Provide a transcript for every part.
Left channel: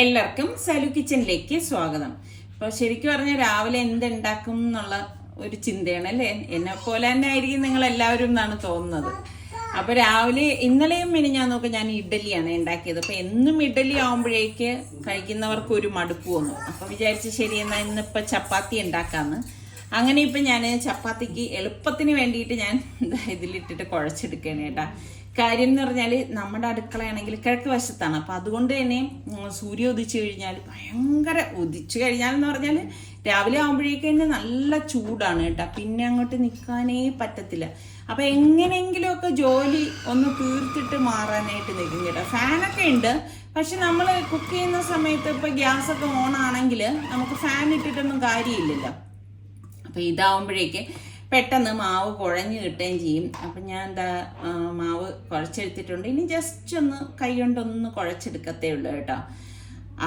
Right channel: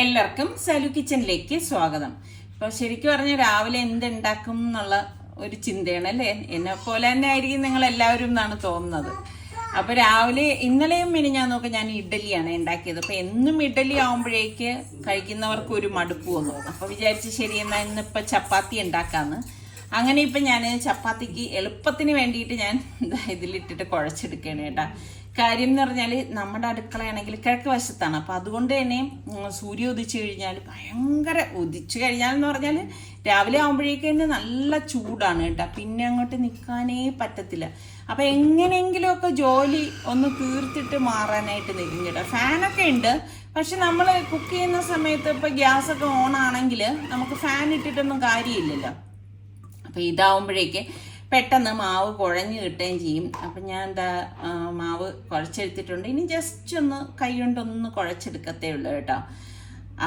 എല്ലാവർക്കും സലു കിച്ചണിലേക്ക് സ്വാഗതം. ഇപ്പോൾ ശരിക്കും പറഞ്ഞാൽ രാവിലെ എന്തുണ്ടാക്കും എന്നുള്ള ഒരു ചിന്തയാണ് അല്ലേ? എന്നെ പോലെ തന്നെ ആയിരിക്കും നിങ്ങൾ എല്ലാവരും എന്നാണ് തോന്നുന്നത്. അപ്പോൾ രാവിലെ ഇന്നലെയും ഞാൻ നോക്കാം, ഞാൻ ഇഡ്ഡലിയാണ് ഉണ്ടാക്കിയത്. അപ്പോൾ എന്നും ഇഡ്ഡലി ആവുമ്പോഴേക്ക് കഴിക്കുന്നവർക്ക് ഒരു മടുപ്പ് വന്നു. അപ്പോൾ വിചാരിച്ച് ശരി എന്നാൽ ഇന്നിപ്പോൾ ചപ്പാത്തി ഉണ്ടാക്കാമെന്ന്. അങ്ങനെ ഇപ്പം ഞാൻ ചപ്പാത്തിക്ക് എളുപ്പത്തിന് വേണ്ടിയിട്ട് ഞാൻ ഇതിലിട്ടിട്ട് കുഴച്ചെടുക്കുകയാണ് കേട്ടോ. കാര്യം എന്ന് പറഞ്ഞാൽ നമ്മുടെ അടുക്കളയാണെങ്കിൽ കിഴക്ക് വശത്താണ്. അപ്പം അതുകൊണ്ട് തന്നെ സൂര്യ ഉദിച്ചു കഴിഞ്ഞാൽ ഭയങ്കര ഉദിച്ചു കഴിഞ്ഞാൽ എന്ന് പറഞ്ഞാൽ രാവിലെ ആകുമ്പോഴേക്ക് തന്നെ നല്ല ചൂടാണ് കേട്ടോ. പിന്നെ അങ്ങോട്ട് നിൽക്കാനേ പറ്റത്തില്ല. അപ്പം എങ്ങനെയെങ്കിലുമൊക്കെ ജോലി ഒന്ന് തീർത്തിട്ട് മാറാനായിട്ട് നിൽക്കും കേട്ടോ. ഫാനൊക്കെ ഉണ്ട്, പക്ഷെ നമ്മൾ കുക്ക് ചെയ്യുന്ന സമയത്ത് ഇപ്പം ഗ്യാസൊക്കെ ഓൺ ആണെങ്കിൽ നമുക്ക് ഫാൻ ഇട്ടിട്ടൊന്നും കാര്യമില്ലല്ലോ. അപ്പം ഇതാവുമ്പോഴേക്ക് പെട്ടെന്ന് മാവ് കുഴഞ്ഞ് കിട്ടുകയും ചെയ്യും. അപ്പം ഞാൻ എന്താ മാവ് കുഴച്ചെടുത്തിട്ടുണ്ട്. ഇനി ജസ്റ്റ് ഒന്ന് കൈ കൊണ്ടൊന്ന് കുഴച്ചെടുക്കത്തേ ഉള്ളൂ കേട്ടോ.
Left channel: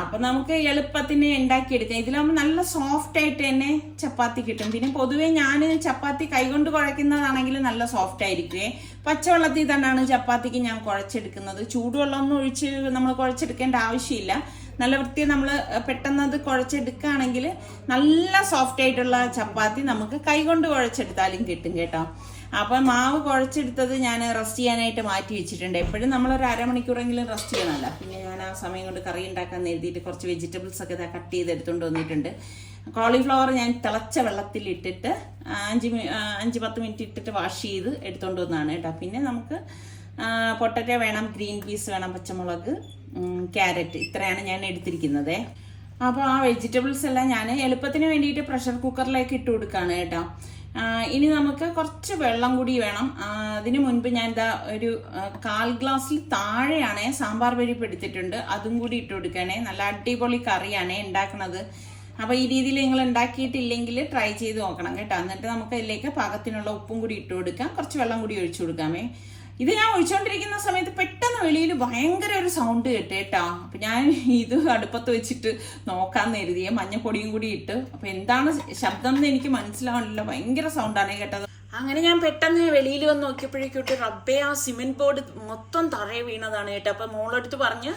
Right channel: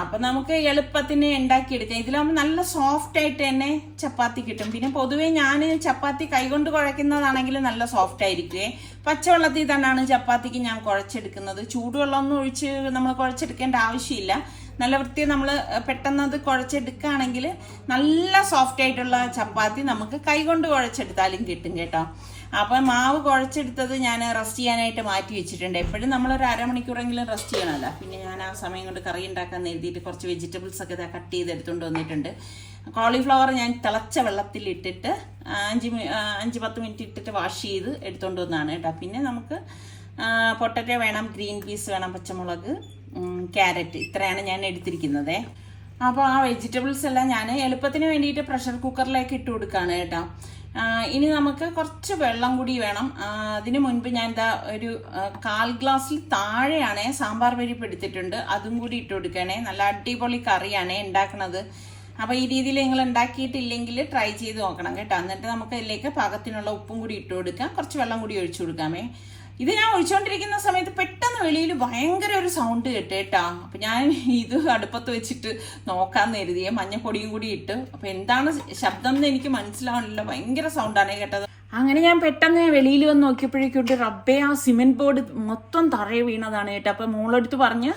അപ്പം നമുക്ക് എളുപ്പത്തിന് ഉണ്ടാക്കിയെടുക്കാം. ഇതിലാകുമ്പോൾ നല്ല സോഫ്റ്റ് ആയിട്ട് തന്നെ ചപ്പാത്തി കിട്ടും. പിന്നെ പൊതുവേ ഞാൻ ചപ്പാത്തി കൈകൊണ്ട് കുഴക്കുന്നതാണെങ്കിൽ നല്ല സോഫ്റ്റ് ആയിരിക്കുമേ. പച്ചവെള്ളത്തിൽ തന്നെയാണ് ചപ്പാത്തിക്ക് ഞാൻ കുഴച്ചെടുക്കുന്നത്. ചൂടുവെള്ളമൊന്നും ഒഴിച്ച് നമ്മൾ കുഴച്ചെടുക്കേണ്ട ആവശ്യമില്ല. നല്ല വൃത്തി നമ്മൾ പെട്ടെന്ന് അത് കുഴച്ചെടുക്കുകയാണെങ്കിൽ നല്ല സോഫ്റ്റ് ആയിട്ടുള്ള ചപ്പാത്തി നമുക്ക് കൈകൊണ്ട് കുഴച്ചെടുത്താലും കിട്ടും കേട്ടോ. അപ്പം മാവ് കുഴച്ചെടുത്തത് ഞാൻ റെസ്റ്റ് ചെയ്യാനായിട്ട് മാറ്റി വെച്ചിട്ടുണ്ട്. എപ്പോഴും നമ്മളൊരു അരമണിക്കൂറെങ്കിലും റെസ്റ്റ് ചെയ്യണമല്ലോ. പിന്നെ ഞാൻ ആ സമയം കൊണ്ട് കറി ഉണ്ടാക്കാൻ എഴുതിയിട്ട് കുറച്ച് വെജിറ്റബിൾസ് ഒക്കെ കട്ട് ചെയ്തെടുത്തുകൊണ്ട് വന്നിട്ടുണ്ട്. കോളിഫ്ലവർ ഞാൻ തിളച്ച വെള്ളത്തിലിട്ടിട്ട് 5-10 മിനിറ്റ് ഇട്ടിട്ട് വാഷ് ചെയ്ത് എടുത്തുകൊണ്ട് വന്നതാണ് കേട്ടോ. പിന്നെ നമുക്ക് പൊട്ടറ്റോ വേണം, ഗ്രീൻ പീസ് വേണം, പച്ചമുളക്, ക്യാരറ്റ്, ഇത്രയാണ് ഞാൻ എടുത്തിരിക്കുന്നത്. അപ്പോൾ ആ വെജിറ്റബിൾസ് എല്ലാം ഞാൻ എളുപ്പത്തിന് വേണ്ടിയിട്ട് പ്രഷർ കുക്കറിലേക്ക് ഇട്ട് കൊടുക്കുകയാണ് കേട്ടോ. ഇനി നമുക്ക് കുറച്ച് വെള്ളം കൂടി വേണം. അതിന് മുൻപ് ഞാൻ എന്താ ഒരു 1/4 ഗ്ലാസ്സിൽ താഴെയാണ് സാമ്പാർ പരിപ്പ് എടുത്തിട്ടുണ്ട്. അതും കൂടി ഇട്ട് കൊടുക്കണേ. നല്ല അടിപൊളി കറിയാണ് ഉണ്ടാക്കുന്നത്. അപ്പോൾ ഈ രീതിയിൽ നിങ്ങൾ ഉണ്ടാക്കിയിട്ടില്ലെങ്കിൽ ട്രൈ ചെയ്ത് നോക്കണം കേട്ടോ. എന്നിട്ട് നമുക്ക് അതിലേക്ക് പാകത്തിനുള്ള ഉപ്പും കൂടി ഇട്ട് കൊടുക്കാം. കുറച്ച് വെള്ളം കൂടി ഒഴിച്ചു കൊടുക്കാമേ. ഇത് ഞാൻ ഒഴിച്ചുകൊണ്ടിരിക്കുന്ന സമയത്ത് പെട്ടെന്ന് വെളിയിൽ ഭയങ്കര ഒരു സൗണ്ട് കേട്ടോ. അപ്പം ഞാൻ ഇത് അടുപ്പത്ത് വെച്ചിട്ട് നോക്കാമെന്ന് കരുതിയ മഞ്ഞപ്പൊടിയും കൂടി ഇട്ട്. അപ്പം എന്താണ് ശബ്ദം എന്ന് എനിക്ക് മനസ്സിലാവണില്ല. ഭയങ്കര സൗണ്ടാണ് കേട്ടത്. അങ്ങനെ ഞാൻ പെട്ടെന്ന് വെളിയിൽ വന്ന് നോക്കിയപ്പോഴേക്കോട്ട് റബ്ബേ ആ സിമെന്റ് ബോർഡ് മൊത്തം തറയെ വീണതാണ് കേട്ടോ. അപ്പം മോളെടുത്ത് പറഞ്ഞ്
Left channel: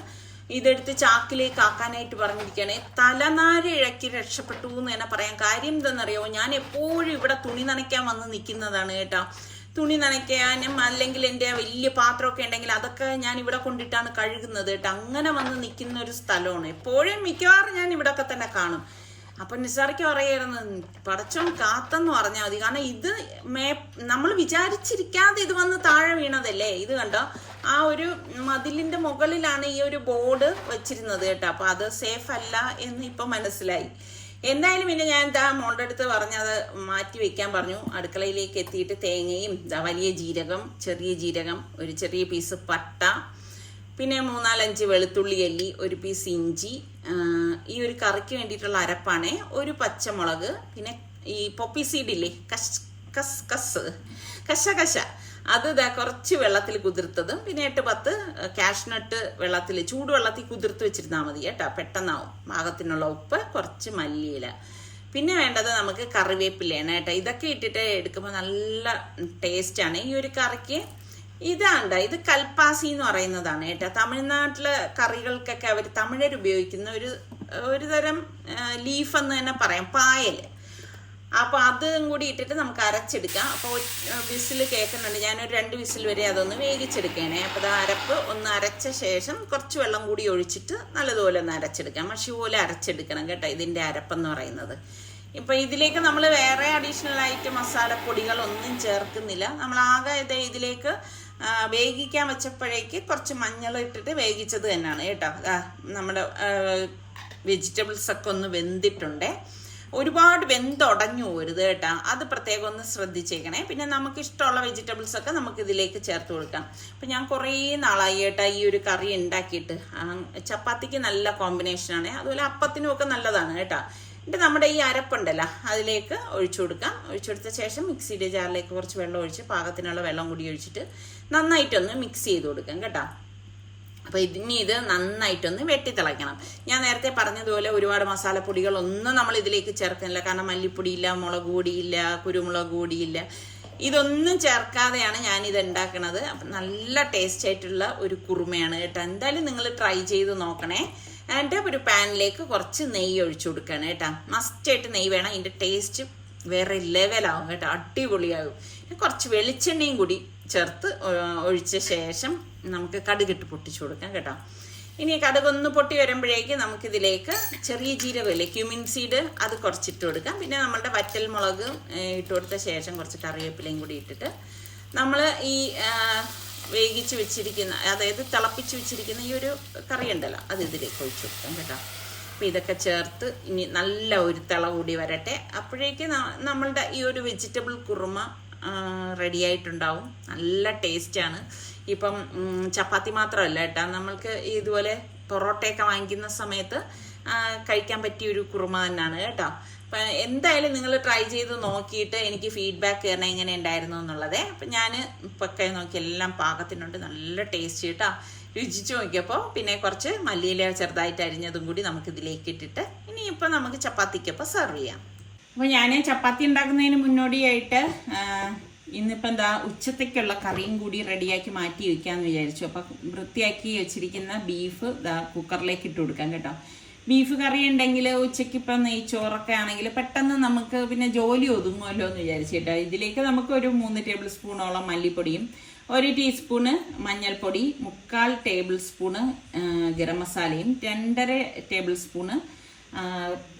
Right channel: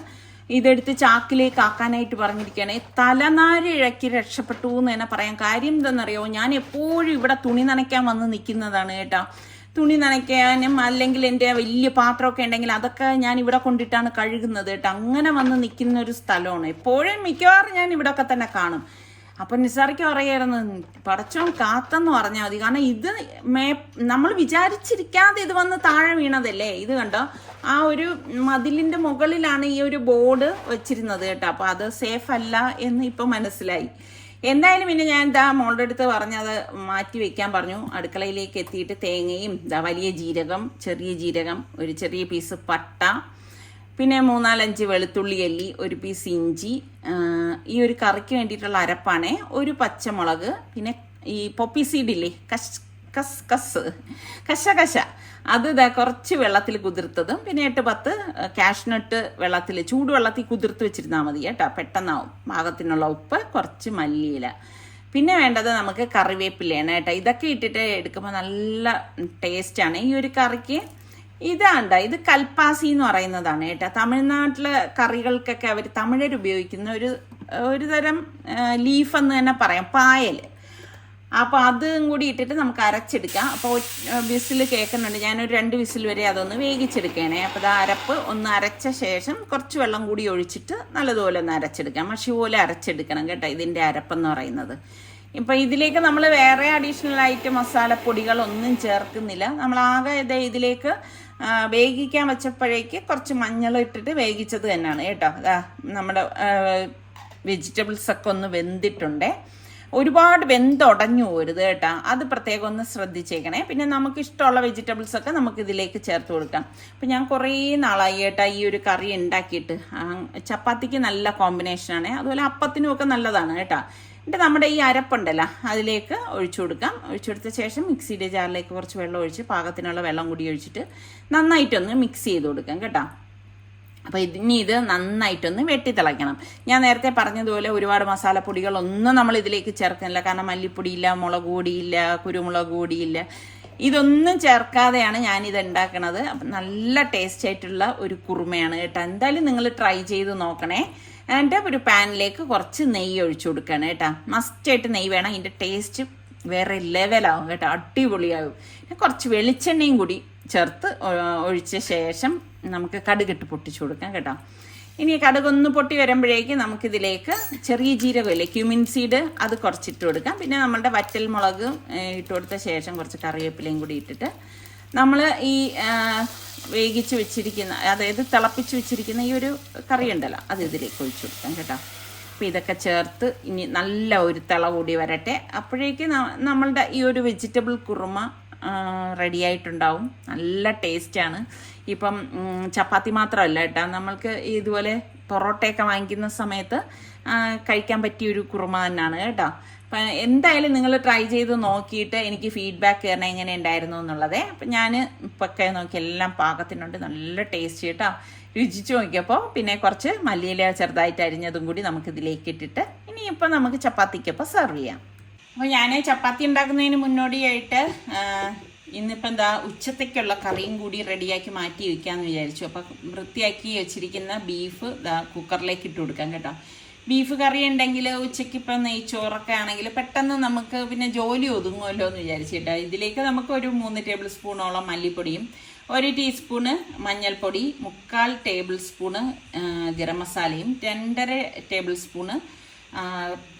ഇതെടുത്ത് ചാക്കിലേക്ക് ആക്കാനായിട്ട് പറഞ്ഞിരിക്കുകയാണ്. തലനാരി ഇഴക്കി രക്ഷപ്പെട്ടു എന്ന് തന്നെ പറയാം. കാര്യം എന്താണെന്നറിയോ, ഞാൻ എപ്പോഴും ഇവിടെ തുണി നനയ്ക്കാൻ വന്ന് നിൽക്കുന്നതാണ് കേട്ടോ. തുണി നനയ്ക്കാനും അല്ലെങ്കിൽ എൻ്റെ വലിയ പാത്രമൊക്കെ ഉണ്ടെങ്കിൽ അതൊക്കെ ഞാൻ ഇവിടെ കൊണ്ടിട്ടാണ് കഴുകുന്നത് കേട്ടോ. അങ്ങനെ വന്ന് നിൽക്കുന്ന ഒരു സ്ഥലമാണ്. എപ്പോഴും മിക്കവാറും ഞാൻ ഇവിടെയൊക്കെ തന്നെ കാണും. അപ്പം നിസാറിക്ക് പറയായിരുന്നു, പടച്ചോൻ കാത്തെന്ന് പറഞ്ഞാൽ മതി. കാരണം ഇത് നമ്മൾ വിചാരിച്ചിരിക്കാതെ ഇത് വന്ന് താഴെ വീണതല്ലേ. ഇത് കണ്ടോ, ആ ഒരു മതിലിന്റെ മുകളിലാണ് ഈ ഒരു ബോർഡ് വെച്ചിരുന്നത് കേട്ടോ. അപ്പൊ അത് സേഫ് അല്ല എന്ന് ഇപ്പൊ മനസ്സിലായി. എന്തായാലും പിന്നെ ഞാൻ എന്താ മോളുടെ അടുത്ത് പറഞ്ഞത് മാറ്റി വെക്കാൻ പറഞ്ഞു. അടുക്കളയിലേക്ക് എത്തിയിട്ട് തേങ്ങയും വലിയ ജീരകം, ചെറിയ ജീരകം, ഒരു ചെറിയ പീസ് പട്ട, പിന്നെ 3-4 വെളുത്തുള്ളി അല്ലി, ഒരു പീസ് ഇഞ്ചി, ഈ ഒരു കറിക്ക് വേണ്ടിയിട്ടുള്ള അരപ്പാണേ, ഒരു പച്ചമുളക്, പിന്നെ ഈ പോപ്പി സീഡില്ലേ, കശ അത് കുറച്ച് വെള്ളത്തിൽ കുതിർത്തതും, പിന്നെ 8-10 കാഷ്നട്ട് വെള്ളത്തിൽ ചൂടുവെള്ളത്തിൽ കുതിർത്ത് വെച്ചിരുന്നാൽ മതി കേട്ടോ. പെട്ടെന്നാവും. പാകത്തിനുള്ള ഉപ്പ്, കുറച്ച് മല്ലിയില, പിന്നെ വേണ്ടത് നമുക്ക് കറിവേപ്പിലയാണ് കേട്ടോ. ഇതൊക്കെ ഇട്ടിട്ട് എടുക്കുമ്പോൾ നല്ല ടേസ്റ്റാണ് ഈ ഒരു കറിക്ക്. ഇതാണ്ട, ഇത് കൽപ്പാസി എന്ന് പറയുന്നതാണ് കേട്ടോ. തമിഴ്നാട്ടിലെ കറികൾക്കൊക്കെ അവർ തമിഴർ ഉപയോഗിക്കുന്ന ഒരു തരം ലീഫ് എന്ന് തന്നെ പറയാം, പായൽ. അപ്പോൾ അതും കൂടി ഇട്ടിട്ട് നമുക്ക് അരച്ചെടുക്കാം. അപ്പോൾ വിസിൽ കേൾക്കുന്നുണ്ട്. ഞാനൊരു 2 വിസിൽ വരെ അതൊന്ന് വേവിച്ചെടുക്കണേ. അപ്പോൾ ആ അരപ്പ് ഒന്ന് അരച്ച ശേഷം കുറച്ച് വെള്ളം കൂടി ഒഴിച്ചിട്ട് നല്ലതുപോലെ ഒന്ന് അരച്ചെടുക്കാം. മഷി പോലെ അരച്ചെടുക്കണം കേട്ടോ ഇതിൻ്റെ അരപ്പെന്ന് പറയുന്നത്. ഇപ്പം ഇതിലേക്ക് നമ്മൾ വേറെ അഡീഷണൽ ആയിട്ട് മസാലപ്പൊടികളൊന്നും ചേർക്കുന്നില്ല. നമ്മളാകെ ഇതിലേക്ക് വേവിക്കാൻ വെച്ചപ്പോഴേക്ക് കുറച്ച് മഞ്ഞൾ ഇട്ടിട്ട് വേവിച്ചത് തന്നെയാണ് കേട്ടോ. നമ്മുടെ വെജിറ്റബിൾസ് ഒക്കെ ഒന്ന് വെന്തിട്ടുണ്ടേ. ഒരുപാട് വെന്തുടഞ്ഞു പോരുത് കേട്ടോ. അത് പ്രത്യേകം ഒന്ന് ശ്രദ്ധിച്ചേക്കണേ. പിന്നെ നമുക്ക് ഇഷ്ടമുള്ള വെജിറ്റബിൾസ് ഒക്കെ നമുക്ക് ഇതിലേക്ക് ചേർത്ത് കൊടുക്കാം. അപ്പം ഞാൻ കുറേ നാളായി കേട്ടോ ഈ ഒരു കറി ഉണ്ടാക്കിയിട്ട്. ചപ്പാത്തിക്ക് നല്ല കോമ്പിനേഷനാണ്, അതുപോലെ അപ്പത്തിനും ഒക്കെ നല്ലതാണ് കേട്ടോ. എന്നിട്ട് നമ്മുടെ ഈ അരപ്പുണ്ടല്ലോ അതിലേക്ക് ഒഴിച്ചു കൊടുക്കാം. ഒഴിച്ചെടുത്ത ശേഷം മിക്സിയുടെ ജാറിലേക്ക് കുറച്ച് വെള്ളം ഒഴിച്ച് പാകത്തിനുള്ള വെള്ളം കൂടി ഒഴിച്ചിട്ട് നന്നായിട്ടൊന്ന് മിക്സ് ചെയ്ത് കൊടുക്കാം കേട്ടോ. അപ്പോൾ ഇനി ഇത് നന്നായിട്ടൊന്ന് വെട്ടിത്തിളയ്ക്കണം. ഞാൻ നേരത്തെ പറഞ്ഞതുപോലെ ഒരുപാട് മസാലപ്പൊടികളൊന്നും നമ്മൾ ഇതിലേക്ക് ചേർക്കുന്നില്ല. കാരണം മല്ലിപ്പൊടിയില്ല, മുളക് പൊടിയില്ല, കുരുമുളക് പൊടിയില്ല, ഇതൊന്നും ചേർക്കാതെയാണ് ഞാനിത് ഉണ്ടാക്കണത്. അപ്പം നല്ല ടേസ്റ്റ് ആയിട്ടുള്ള ഒരു കുറുമയാണ് കേട്ടോ. എന്തായാലും നിങ്ങൾ ട്രൈ ചെയ്ത് നോക്കണേ. എന്നിട്ട് ഒരു പാനിലേക്ക് കുറച്ച് നെയ്യ് ഒഴിച്ചു കൊടുക്കുകയാണ് കേട്ടോ. മസ്റ്റായിട്ട് നെയ്യ് വേണം, അതിൻ്റെ ടേസ്റ്റ് വേറെ ലെവലാവും കേട്ടോ, അടിപൊളിയാകും. കുറച്ച് വെളിച്ചെണ്ണയും കൂടി ചേർത്ത് ഒഴിച്ച ശേഷം നമുക്ക് കടുകിട്ട് പൊട്ടിച്ചു കൊടുക്കാം കേട്ടോ. ഇനി കടുകൊന്ന് പൊട്ടി വരുമ്പോഴേക്ക് നമുക്കിതിലേക്ക് ചെറിയ ജീരകമില്ലേ, ക്യുമിൻ സീഡ്, അത് കുറച്ചിട്ട് കൊടുക്കാം. പിന്നെ നമ്മുടെ വറ്റൽ മുളക് ഇട്ട് കൊടുത്ത ശേഷം കുറച്ച് കറിവേപ്പിലയും കൂടി ഇട്ടിട്ട് നമ്മൾ ഈ വേവിച്ച് വെച്ചിരിക്കുന്ന, അതായത് തിളപ്പിച്ച് വെച്ചിരിക്കുന്ന ഈ ഒരു കറി ഉണ്ടല്ലോ, അത് ഇതിലേക്ക് ഒഴിച്ചു കൊടുക്കാം കേട്ടോ. അപ്പം ഇതൊക്കെ ചേർത്ത് ഇനി നല്ല ഒരു തിള കൂടി വരട്ടെ. അപ്പോഴേക്ക് നമ്മളുടെ ഈ ഒരു വെജിറ്റബിൾ കുറുമ റെഡി ആയിട്ടുണ്ടാവും. നല്ല ടേസ്റ്റാണ്. ഇപ്പം ചപ്പാത്തി മാത്രമല്ല കേട്ടോ, നമ്മൾക്ക് ഇതുപോലെ പൊറോട്ടയൊക്കെ വാങ്ങിക്കുന്ന സമയത്ത് കഴിക്കാൻ പറ്റിയൊരു കുറുമ തന്നെയാണ് കേട്ടോ. അപ്പം എന്തായാലും നിങ്ങൾ ട്രൈ ചെയ്ത് നോക്കിയിട്ട് എനിക്ക് ഫീഡ്ബാക്ക് തരണം എങ്ങനെ ഉണ്ടായിരുന്നു എന്നുള്ളത്. അപ്പം ഞാൻ ഇപ്പൊക്കെ നോക്കി എല്ലാം പാകത്തിനുണ്ട്, നല്ല ടേസ്റ്റ് കേട്ടോ. രുചിച്ച് നോക്കിയപ്പോൾ പിന്നെ കുറച്ച് മല്ലിയില ചെറുതായിട്ട് അരിഞ്ഞതും കൂടി നമുക്കിതിലേക്ക് ഇട്ടിട്ട് ഇനിയിപ്പോൾ നമുക്ക് ചപ്പാത്തിക്കൊപ്പം സെർവ് ചെയ്യാം. അപ്പോൾ ഞാൻ ചപ്പാത്തി ഉണ്ടാക്കുന്നതിന് മുന്നോടിയായിട്ട് ഇന്നിപ്പോൾ എന്താ ഉച്ചത്തേക്കുള്ള കറിയും കൂടി റെഡിയാക്കി മാറ്റി വയ്ക്കാമെന്ന് വിചാരിച്ചു. അപ്പോൾ വൃത്തിയാക്കി വെച്ചിരിക്കുന്ന ബീഫ് കുക്കറിലേക്ക് ഇട്ട് കൊടുക്കാം കേട്ടോ. ബീഫ് കറി ഉണ്ടെങ്കിൽ ഉച്ചയ്ക്ക് ഇപ്പം നെയ്ച്ചോറൊക്കെ ആണെങ്കിൽ പെട്ടെന്ന് നമുക്ക് പിന്നെ ജോലി ഒതുങ്ങുമല്ലോ എന്ന് വിചാരിച്ചിട്ടോ. ഇതിലേക്ക് നമുക്ക് ഒരു 3 ടേബിൾ സ്പൂണോളം മല്ലിപ്പൊടിയും 1 ടീസ്പൂണ് മഞ്ഞൾപ്പൊടി, 3/4 ടേബിൾ സ്പൂണ് ഗരം മസാലയും, 2.5 table spoon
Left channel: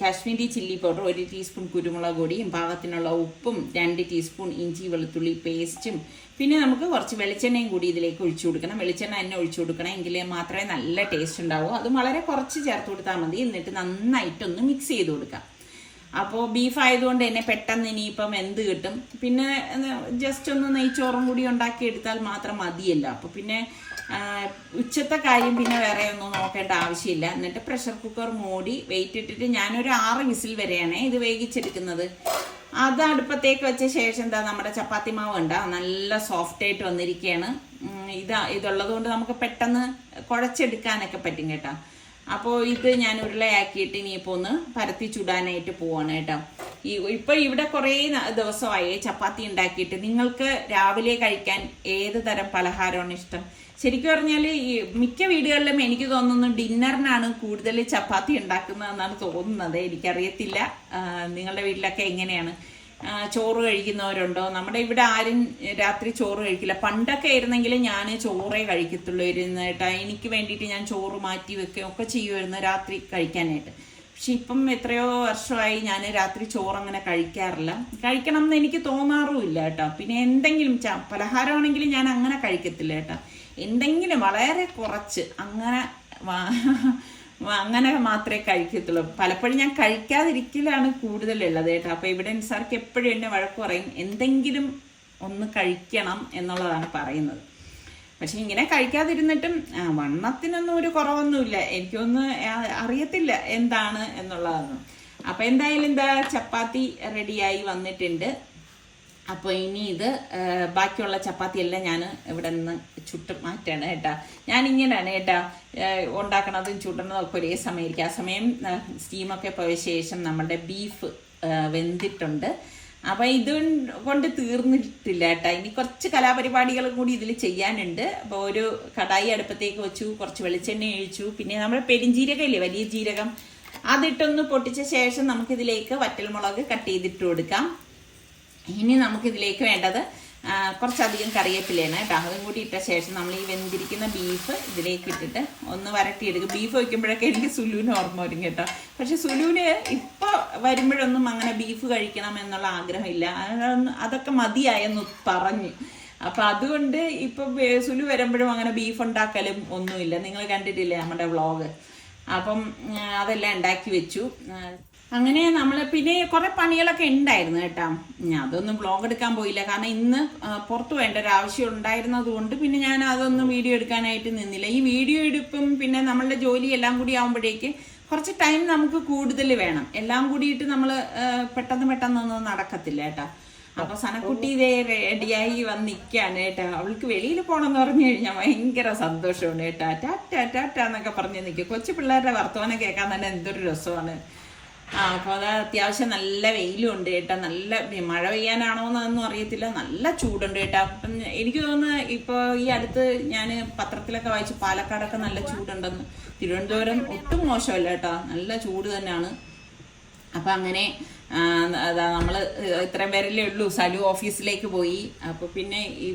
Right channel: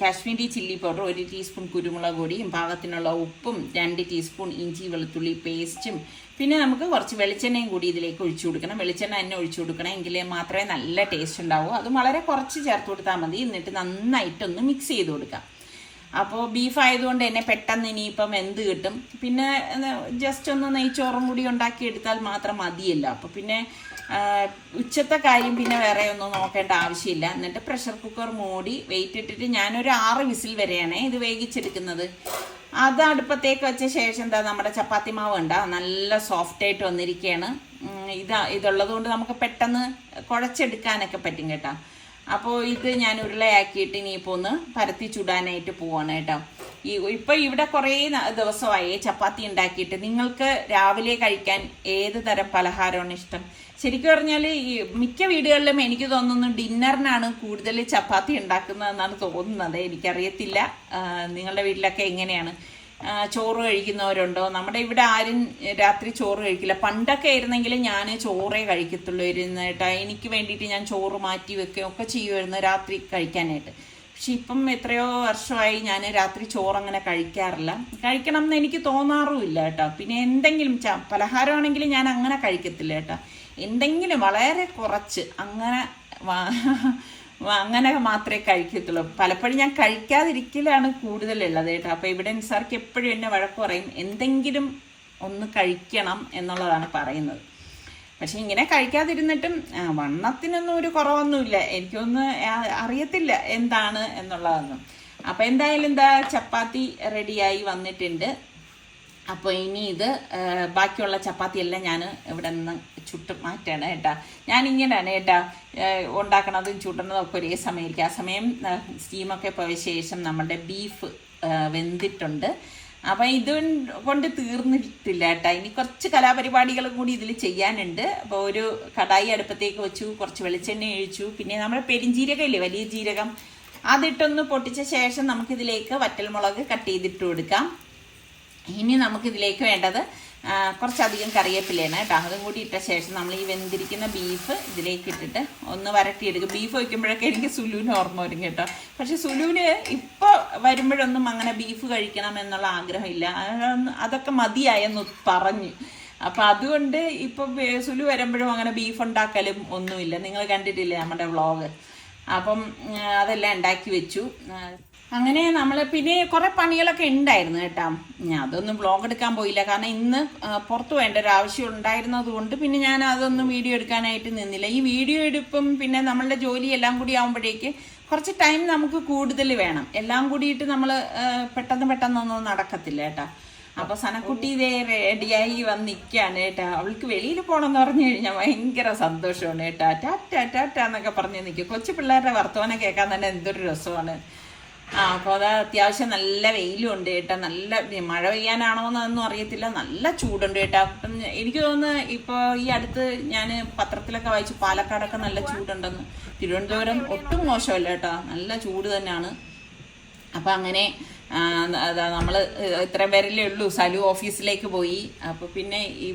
Kashmiri chilli powder, 1 teaspoon കുരുമുളക് പൊടിയും, പാകത്തിനുള്ള ഉപ്പും, 2 ടീസ്പൂൺ ഇഞ്ചി വെളുത്തുള്ളി പേസ്റ്റും, പിന്നെ നമുക്ക് കുറച്ച് വെളിച്ചെണ്ണയും കൂടി ഇതിലേക്ക് ഒഴിച്ചു കൊടുക്കണം. വെളിച്ചെണ്ണ തന്നെ ഒഴിച്ചു കൊടുക്കണം, എങ്കിൽ മാത്രമേ നല്ല ടേസ്റ്റ് ഉണ്ടാവൂ. അത് വളരെ കുറച്ച് ചേർത്ത് കൊടുത്താൽ മതി. എന്നിട്ട് നന്നായിട്ടൊന്ന് മിക്സ് ചെയ്ത് കൊടുക്കാം. അപ്പോൾ ബീഫ് ആയതുകൊണ്ട് തന്നെ പെട്ടെന്ന് ഇനിയിപ്പം എന്ത് കിട്ടും. പിന്നെ ജസ്റ്റ് ഒന്ന് നെയ്ച്ചോറും കൂടി ഉണ്ടാക്കിയെടുത്താൽ മാത്രം മതിയല്ലോ. അപ്പോൾ പിന്നെ ഉച്ചത്തെ കാര്യം പിന്നെ വേറെ ഒന്നും നോക്കേണ്ട ആവശ്യമില്ല. എന്നിട്ട് പ്രഷർ കുക്കർ മൂടി വെയിറ്റ് ഇട്ടിട്ട് ഞാനൊരു 6 വിസിൽ വരെയാണ് ഇത് വേവിച്ചെടുക്കുന്നത്. അത് അടുപ്പത്തേക്ക് വെച്ച ശേഷം എന്താ നമ്മുടെ ചപ്പാത്തി മാവ് ഉണ്ടാ നല്ല സോഫ്റ്റ് ആയിട്ട് വന്നിരിക്കുകയാണ്. ഇതുള്ളത് കൊണ്ട് നമുക്ക് പെട്ടെന്ന് കുഴച്ചെടുക്കാനൊക്കെ പറ്റും കേട്ടോ. അപ്പോൾ ഇത് ഞാൻ ഉരുളയാക്കിയിട്ട് ഇനിയിപ്പോൾ ഒന്ന് പരത്തി ചുടാനായിട്ട് പോവാണ് കേട്ടോ. ഇപ്പം ഇവിടെ കുറേ ദിവസമായി ചപ്പാത്തി ഉണ്ടാക്കിയിട്ട്. നിങ്ങൾക്ക് രാവിലെ കഴിക്കാൻ ഏത് തരം പലഹാരമാണ് ഇഷ്ടം? ശരിക്കും പറഞ്ഞാൽ ഈ മിക്ക വീടുകളിലും എനിക്ക് തോന്നുന്നു ഡിന്നറിനാണ് കൂടുതൽ ചപ്പാത്തി ഉണ്ടാക്കുന്നതെന്നാണ് തോന്നുന്നത്. എനിക്കറിയത്തില്ല നിങ്ങളുടെ വീട്ടിലൊക്കെ എങ്ങനെയാണ്. ചോറ് കഴിക്കുന്നവരുണ്ടോ? നമ്മുടെ ഇവിടെ ആരും രാത്രി ചോറ് കഴിക്കില്ല. പണ്ടൊക്കെ ആയിരുന്നെങ്കിൽ ഞാൻ ചോറേ കഴിക്കത്തുള്ളൂ ഇരുന്നിട്ട്. എനിക്ക് വേണ്ടിയിട്ട് ഞാൻ ചോറ് മാറ്റി വെക്കുകയും ഒക്കെ ചെയ്യുമായിരുന്നു രാത്രി കഴിക്കാനായിട്ട്. പക്ഷെ ഇപ്പം എത്രയോ വർഷമായി ഞാൻ രാത്രി ചോറങ്ങനെ കഴിക്കാറില്ല. കഴിക്കണം എന്ന് എനിക്ക് തോന്നാറുമില്ല കേട്ടോ. പിന്നെ എന്തെങ്കിലും പലഹാരമാണെങ്കിൽ ഞാൻ അങ്ങനെ കഴിക്കത്തില്ല കേട്ടോ. എന്തെങ്കിലും വളരെ കുറച്ച് അങ്ങനെ മാത്രമേ കഴിക്കത്തുള്ളൂ. പലപ്പോഴും ഞാൻ കഴിക്കാതിരിക്കലാണ് കൂടുതലുള്ളത് കേട്ടോ. അപ്പോൾ ഇവിടെ നിസാർക്ക് എപ്പോഴും എന്നെ വഴക്ക് പറയും, എന്തെങ്കിലും ഒന്ന് കഴിക്കണം എന്നുള്ളതാണ് പറയുന്നത്. പക്ഷെ ഇങ്ങനെ കഴിക്കാതിരുന്നിട്ടും വണ്ണത്തിനൊന്നും ഒരു കുറവൊന്നുമില്ല. എനിക്കൊന്നും അറിയത്തില്ല എന്താണ് എന്നുള്ളതൊന്നും. അപ്പോൾ എന്തായാലും എന്താ ചപ്പാത്തി റെഡിയായി വന്നിട്ടുണ്ട്. അപ്പോൾ ഇനി ഇത് ബാക്കിയുള്ള ചപ്പാത്തിയെല്ലാം ഞാൻ ഇവിടെ നിന്ന് ചുട്ട് മാറ്റാണ് കേട്ടോ. ഞാനിങ്ങനെയാണ് കേട്ടോ ഉണ്ടാക്കണതും ചുടുന്നതും ഒക്കെ ഒരേ സമയമായിരിക്കും. ആ സമയം സ്റ്റീമൊക്കെ പോയ ശേഷം നമ്മുടെ ബീഫ് വെന്തിട്ടുണ്ട്. അപ്പം ഇത് കൊണ്ട് തീർന്നിട്ടില്ല കേട്ടോ. ഇനി കുറച്ച് കലാപരിപാടികളും കൂടി ഇതിൽ ചെയ്യാനുണ്ട്. അപ്പോൾ ഒരു കടായി അടുപ്പത്തേക്ക് വെച്ചു, കുറച്ച് വെളിച്ചെണ്ണ ഒഴിച്ചു. പിന്നെ നമ്മൾ പെരിഞ്ജീരകം ഇല്ലേ, വലിയ ജീരകം, അതിട്ടൊന്ന് പൊട്ടിച്ച ശേഷം നമുക്കിതിലേക്ക് വറ്റൽമുളക് കട്ട് ചെയ്തിട്ട് കൊടുക്കാം. ഇനി നമുക്കിതിലേക്ക് വേണ്ടത് കുറച്ചധികം കറിവേപ്പിലയാണ് കേട്ടോ. അതും കൂടി ഇട്ട ശേഷം നമ്മൾ ഈ വെന്തിരിക്കുന്ന ബീഫ് ഇതിലേക്ക് ഇട്ടിട്ട് ഒന്ന് വരട്ടിയെടുക്കും. ബീഫ് വയ്ക്കുമ്പോഴൊക്കെ എനിക്ക് സുലുവിന് ഓർമ്മ വരും കേട്ടോ. പക്ഷെ സുലുവിന് ഇപ്പോൾ വരുമ്പോഴൊന്നും അങ്ങനെ ബീഫ് കഴിക്കണം എന്നുള്ള ആഗ്രഹമില്ല. അതൊക്കെ മതിയായെന്ന് പറഞ്ഞു. അപ്പം അതുകൊണ്ട് ഇപ്പം സുലു വരുമ്പോഴും അങ്ങനെ ബീഫ് ഉണ്ടാക്കലും ഒന്നുമില്ല. നിങ്ങൾ കണ്ടിട്ടില്ലേ നമ്മുടെ വ്ളോഗ്? അപ്പം അതെല്ലാം ഉണ്ടാക്കി വെച്ചു. അങ്ങനെ നമ്മൾ പിന്നെ കുറേ പണികളൊക്കെ ഉണ്ടായിരുന്നു കേട്ടോ. ഞാൻ അതൊന്നും വ്ളോഗ് എടുക്കാൻ പോയില്ല, കാരണം ഇന്ന് പുറത്ത് വേണ്ട ഒരു ആവശ്യം ഉണ്ടായിരുന്നത് കൊണ്ട് പിന്നെ ഞാൻ അതൊന്നും വീഡിയോ എടുക്കാനായിട്ട് നിന്നില്ല. ഈ വീഡിയോ എടുപ്പും പിന്നെ നമ്മളുടെ ജോലി എല്ലാം കൂടി ആകുമ്പോഴേക്ക് കുറച്ച് ടൈം നമുക്ക് കൂടുതൽ വേണം. എല്ലാം കൂടിയിട്ട് നമ്മൾ പെട്ടെന്നൊന്നും നടക്കത്തില്ല കേട്ടോ. അപ്പോൾ സനക്കുട്ടി ഇതേ റെഡിയായി വന്ന് നിൽക്കുകയാണ് കേട്ടോ. അവൾക്ക് വെളിയിൽ പോകണമെന്ന് പറഞ്ഞു കഴിഞ്ഞാൽ ഭയങ്കര സന്തോഷമാണ് കേട്ടോ. ടാറ്റ ടാറ്റ എന്നൊക്കെ പറഞ്ഞ് നിൽക്കും. കൊച്ചു പിള്ളേരുടെ വർത്തമാനം കേൾക്കാൻ തന്നെ എന്തൊരു രസമാണ്. അപ്പൊ അത് അത്യാവശ്യം നല്ല വെയിലും ഉണ്ട് കേട്ടോ. നല്ല മഴ പെയ്യാനാണോ എന്നൊന്നും അറിയത്തില്ല, നല്ല ചൂടുണ്ട് കേട്ടോ. അപ്പം എനിക്ക് തോന്നുന്നു ഇപ്പൊ ഈ അടുത്ത് ഞാൻ പത്രത്തിലൊക്കെ വായിച്ചു പാലക്കാടൊക്കെ നല്ല ചൂടുണ്ടെന്ന്. തിരുവനന്തപുരം ഒട്ടും മോശമല്ല കേട്ടോ, നല്ല ചൂട് തന്നെയാണ്. അപ്പൊ അങ്ങനെ നമ്മള് ഇത്രയും പേരല്ലേ ഉള്ളൂ. സലു ഓഫീസിലേക്ക് പോയി. അപ്പൊ പിന്നെ ഈ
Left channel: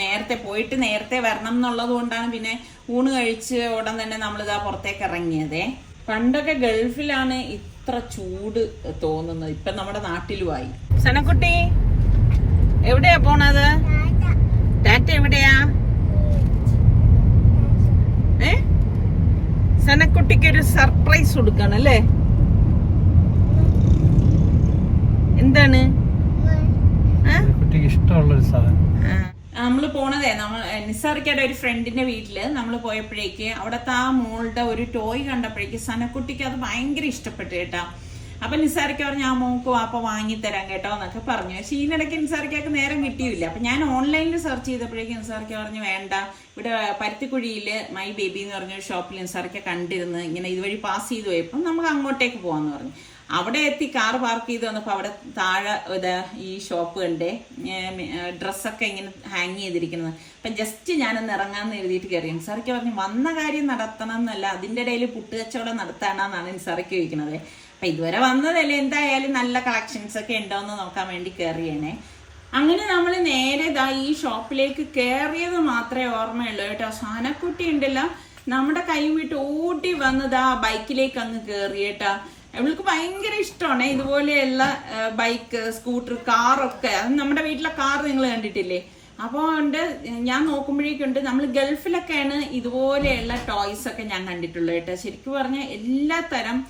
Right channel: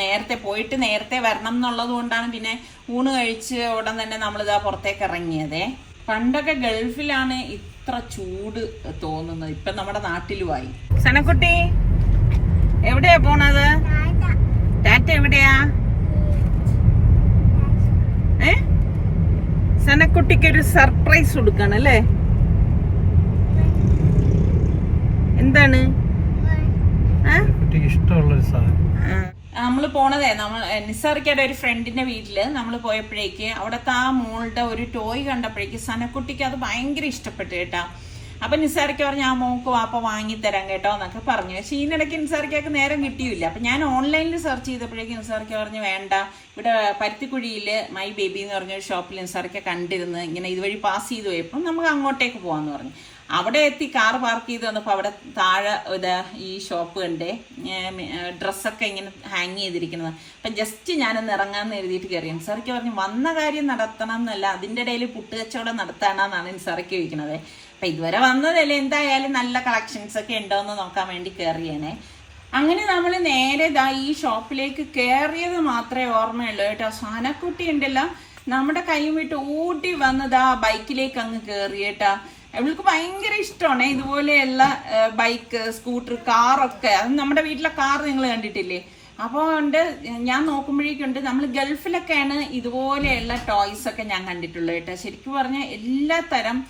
നേരത്തെ പോയിട്ട് നേരത്തെ വരണം എന്നുള്ളത് കൊണ്ടാണ് പിന്നെ ഊണ് കഴിച്ച് ഉടൻ തന്നെ നമ്മളിതാ പുറത്തേക്ക് ഇറങ്ങിയതേ. പണ്ടൊക്കെ ഗൾഫിലാണ് ഇത്ര ചൂട് തോന്നുന്നത്, ഇപ്പൊ നമ്മുടെ നാട്ടിലുമായി. സനക്കുട്ടി എവിടെയാ പോണത്? ടാറ്റ എവിടെയാ? സനക്കുട്ടിക്ക് ഒരു സർപ്രൈസ് കൊടുക്കണം അല്ലേ? എന്താണ് ഇഷ്ടമുള്ളൊരു സാധനം? നമ്മള് പോണതേ നിസാർക്കയുടെ ഒരു ഫ്രണ്ടിന്റെ വീട്ടില് നമ്മൾ പോയപ്പോഴേക്ക് അവിടത്തെ ആ മോളുടെ ഒരു ടോയ് കണ്ടപ്പോഴേക്ക് സനക്കുട്ടിക്ക് അത് ഭയങ്കര ഇഷ്ടപ്പെട്ടു കേട്ടാ. അപ്പൊ നിസാർക്ക പറഞ്ഞു ആ മോക്ക് വാപ്പ വാങ്ങിത്തരാം കേട്ടോ എന്നൊക്കെ പറഞ്ഞു. പക്ഷെ ഇതിനിടയ്ക്ക് നിസാർക്കക്ക് നേരം കിട്ടിയില്ല. അപ്പൊ ഞാൻ ഓൺലൈനിൽ സെർച്ച് ചെയ്തപ്പോഴേക്കും നിസാർക്ക പറഞ്ഞു വേണ്ട, ഇവിടെ പരുത്തിക്കുഴിയില് മൈ ബേബി എന്ന് പറഞ്ഞൊരു ഷോപ്പിൽ നിസാർക്ക കണ്ടിരുന്ന് ഇങ്ങനെ ഇതുവഴി പാസ് ചെയ്ത് പോയപ്പോൾ നമുക്ക് അങ്ങോട്ടേക്ക് പോവാന്ന് പറഞ്ഞു. അവിടെ എത്തി കാർ പാർക്ക് ചെയ്ത് വന്നപ്പോൾ അവിടെ താഴെ ഈ ഷോപ്പ് കണ്ടേ, ഡ്രസ്സൊക്കെ ഇങ്ങനെ ഹാങ് ചെയ്തിരിക്കുന്നത്. അപ്പം ജസ്റ്റ് ഞാനൊന്ന് ഇറങ്ങാമെന്ന് എഴുതിയിട്ട് കയറി. നിസാർക്ക് പറഞ്ഞു വന്ന കാര്യം നടത്തണം എന്നല്ല, അതിൻ്റെ ഇടയിൽ പുട്ട് കച്ചവടം നടത്താനാണെന്നാണ് നിസാർക്ക് ചോദിക്കണത്. അപ്പം ഇതുവരെ വന്നതല്ലേ, എന്തായാലും നല്ല കളക്ഷൻസ് ഒക്കെ ഉണ്ടോയെന്ന് നോക്കാൻ വേണ്ടി കയറിയേനെ. അങ്ങനെ നമ്മൾ നേരെ ഈ ഷോപ്പിലേക്ക് കയറിയത് മാത്രമേ ഓർമ്മയുള്ളൂ കേട്ടോ. സനക്കുട്ടി ഉണ്ടല്ലോ നമ്മുടെ കൈ വിട്ട് ഓടി വന്നത് ആ ബൈക്കിലേക്ക് അങ്ങ് കയറി കേട്ടാ. അവൾക്ക് ഭയങ്കര ഇഷ്ടമാണ് ഇതുപോലെയുള്ള ബൈക്ക്, സ്കൂട്ടർ, കാറൊക്കെ. അത് നമ്മുടെ വീട്ടിലെ കാർ നിങ്ങൾ കണ്ടിട്ടില്ലേ? അപ്പോൾ ഉണ്ട് ഞാൻ നോക്കുമ്പോഴേക്കുണ്ട് നമ്മൾ ഗൾഫിലൊക്കെയാണ് ഇതുപോലെയുള്ള ടോയ്സ് ഒക്കെ ഞാൻ കണ്ടിട്ടുള്ളത് കേട്ടോ. ശരിക്കും പറഞ്ഞാൽ എല്ലാ തരം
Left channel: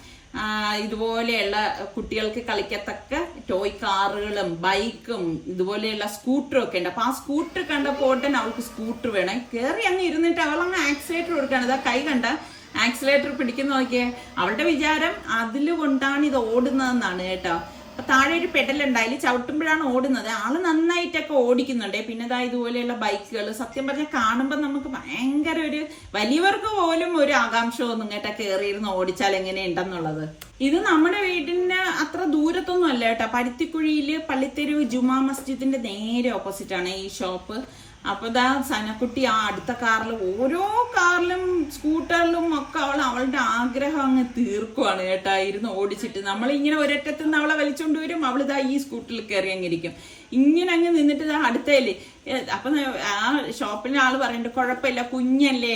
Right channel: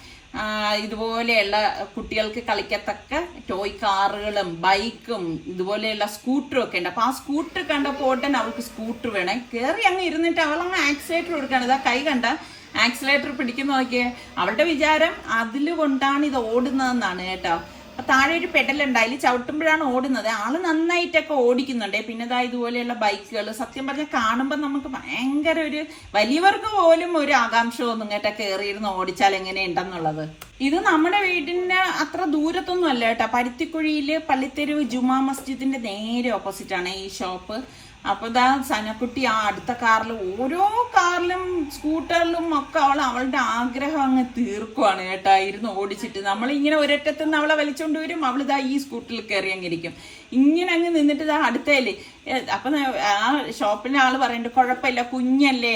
ഇതുപോലെയുള്ള കുട്ടികൾക്ക് കളിക്കത്തക്ക ടോയ് കാറുകളും ബൈക്കും ഇതുപോലെയുള്ള സ്കൂട്ടറും ഒക്കെ ഉണ്ട്. അപ്പൊ ആ സ്കൂട്ടർ കണ്ടപ്പോൾ ഉടനെ അവൾക്ക് സ്കൂട്ടർ വേണം. കയറി അങ്ങ് ഇരുന്നിട്ട് അവളങ്ങ് ആക്സിലേറ്റർ കൊടുക്കുകയാണ്. ഇതാ കൈ കണ്ട ആക്സിലേറ്റർ പിടിക്കുന്ന നോക്കിയേ. അവളുടെ വിചാരം അതിൽ കൊണ്ടാണ് ഇത് ഓടുന്നതെന്നാണ് കേട്ടോ. അപ്പൊ താഴെ ഒരു പെഡലുണ്ട്, അതിൽ ചവിട്ടുമ്പോഴാണ് ഓടുന്നത്. ആള് നന്നായിട്ടൊക്കെ ഓടിക്കുന്നുണ്ട്. പിന്നെ ഇതാ ഇതുപോലെയുള്ള ബൈക്കുകൾ സത്യം പറഞ്ഞാൽ കാണുമ്പോൾ നമുക്ക് ഭയങ്കര ഒരു വലിയവർക്ക് പോലും ഒരു ആകാംക്ഷ തോന്നും കേട്ടോ, കയറിയിരുന്ന് ഓടിച്ചാൽ എങ്ങനെയുണ്ടെന്നുള്ളത്. ഇത് നമ്മുടെ വീടിന്റെ അത്ര ദൂരത്തൊന്നും അല്ല കേട്ടോ. പരുത്തിക്കുഴിയില് പള്ളിത്തെരുവ് ജുമാ മസ്ജിദിന്റെ നേരെ ഓപ്പോസിറ്റ് ആണ് ഈ ഷോപ്പ്. അപ്പൊ ഇതാ സനക്കുട്ടി ആ അടുത്ത കാറിൽ, ഓരോ കാറിലും സ്കൂട്ടറിലും ഒക്കെ അവളുടെ ആഗ്രഹം അങ്ങ് തീർക്കുവാണ് കേട്ടാ, ഇരുന്ന് ഓടിച്ചിട്ട്. നമ്മളിങ്ങനെ ഒരറ്റത്തുനിന്ന് അവളെ വലിച്ചോണ്ട് വരും, അവളിതാ ഈ സ്കൂട്ടറിൽ കയറി അങ്ങിരിക്കും. ഇങ്ങനെ അങ്ങ് നിന്നിട്ട് ഇതാ അടുത്തല്ലേ. അപ്പൊ ആ ഷോപ്പിലെ ആള് പറയുന്നുണ്ട് കുഴപ്പമില്ല കുഞ്ഞല്ലേ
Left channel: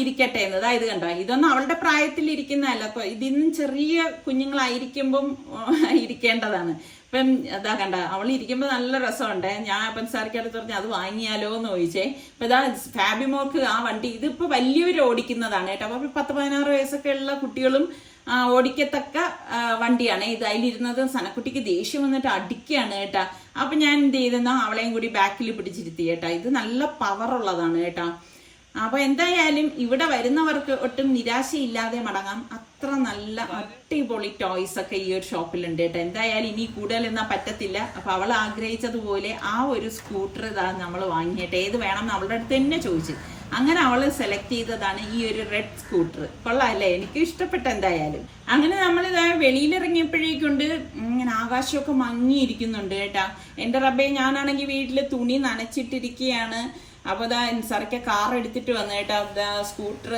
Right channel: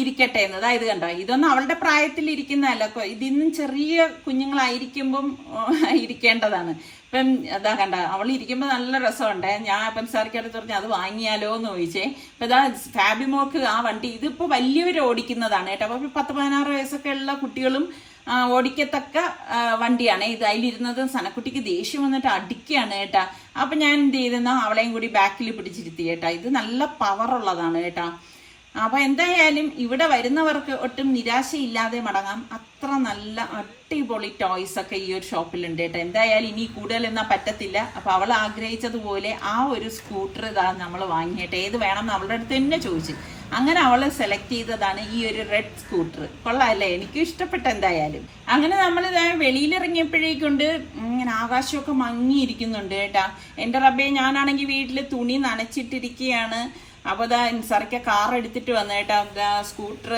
ഇരിക്കട്ടെ എന്ന്. അതായത് കണ്ടോ, ഇതൊന്നും അവളുടെ പ്രായത്തിൽ ഇരിക്കുന്നതല്ല, ഇതിന്നും ചെറിയ കുഞ്ഞുങ്ങളായിരിക്കുമ്പം ഇരിക്കേണ്ടതാണ്. ഇപ്പം അതാ കണ്ട അവൾ ഇരിക്കുമ്പോൾ നല്ല രസമുണ്ട്. ഞാൻ അപ്പം സാറിക്കടുത്ത് പറഞ്ഞു അത് വാങ്ങിയാലോ എന്ന് ചോദിച്ചേ. ഇപ്പൊ ഇതാ ഫാബിമോക്ക് ആ വണ്ടി ഇതിപ്പോ വലിയവർ ഓടിക്കുന്നതാണ് കേട്ടോ. അപ്പൊ 10-16 വയസ്സൊക്കെ ഉള്ള കുട്ടികളും ഓടിക്കത്തക്ക വണ്ടിയാണ് ഇത്. അതിലിരുന്നത് സനക്കുട്ടിക്ക് ദേഷ്യം വന്നിട്ട് അടിക്കുകയാണ് കേട്ടാ. അപ്പൊ ഞാൻ എന്ത് ചെയ്തെന്നാ അവളെയും കൂടി ബാക്കിൽ പിടിച്ചിരുത്തി കേട്ടാ. ഇത് നല്ല പവറുള്ളതാണ് കേട്ടാ. അപ്പൊ എന്തായാലും ഇവിടെ വരുന്നവർക്ക് ഒട്ടും നിരാശയില്ലാതെ മടങ്ങാം. അത്ര നല്ല അടിപൊളി ടോയ്സ് ഒക്കെ ഈ ഒരു ഷോപ്പിലുണ്ട് കേട്ടോ. എന്തായാലും ഇനി കൂടുതലൊന്നും പറ്റത്തില്ല. അപ്പൊ അവൾ ആഗ്രഹിച്ചതുപോലെ ആ ഒരു സ്കൂട്ടർ ഇതാ നമ്മൾ വാങ്ങിയിട്ട് ഏത് വേണമെന്ന് അവളുടെ അടുത്ത് തന്നെ ചോദിച്ചു. അങ്ങനെ അവൾ സെലക്ട് ചെയ്തതാണ് ഈ ഒരു റെഡ് സ്കൂട്ടർ. കൊള്ളാല്ലേ, എനിക്ക് ഇഷ്ടപ്പെട്ട. എന്തായാലും അങ്ങനെ നമ്മൾ ഇതാ വെളിയിലിറങ്ങിയപ്പോഴേക്കുണ്ട് ഇങ്ങനെ ആകാശമൊക്കെ മങ്ങിയിരിക്കുന്നുണ്ട് കേട്ടാ. എന്റെ റബ്ബേ, ഞാനാണെങ്കിൽ വീട്ടില് തുണി നനച്ചിട്ടിരിക്കുകയാണ്. അപ്പൊ ഇതാ നിസാർക്ക കാർ എടുത്തിട്ട് വന്നു കേട്ടോ. സ്കൂട്ടർ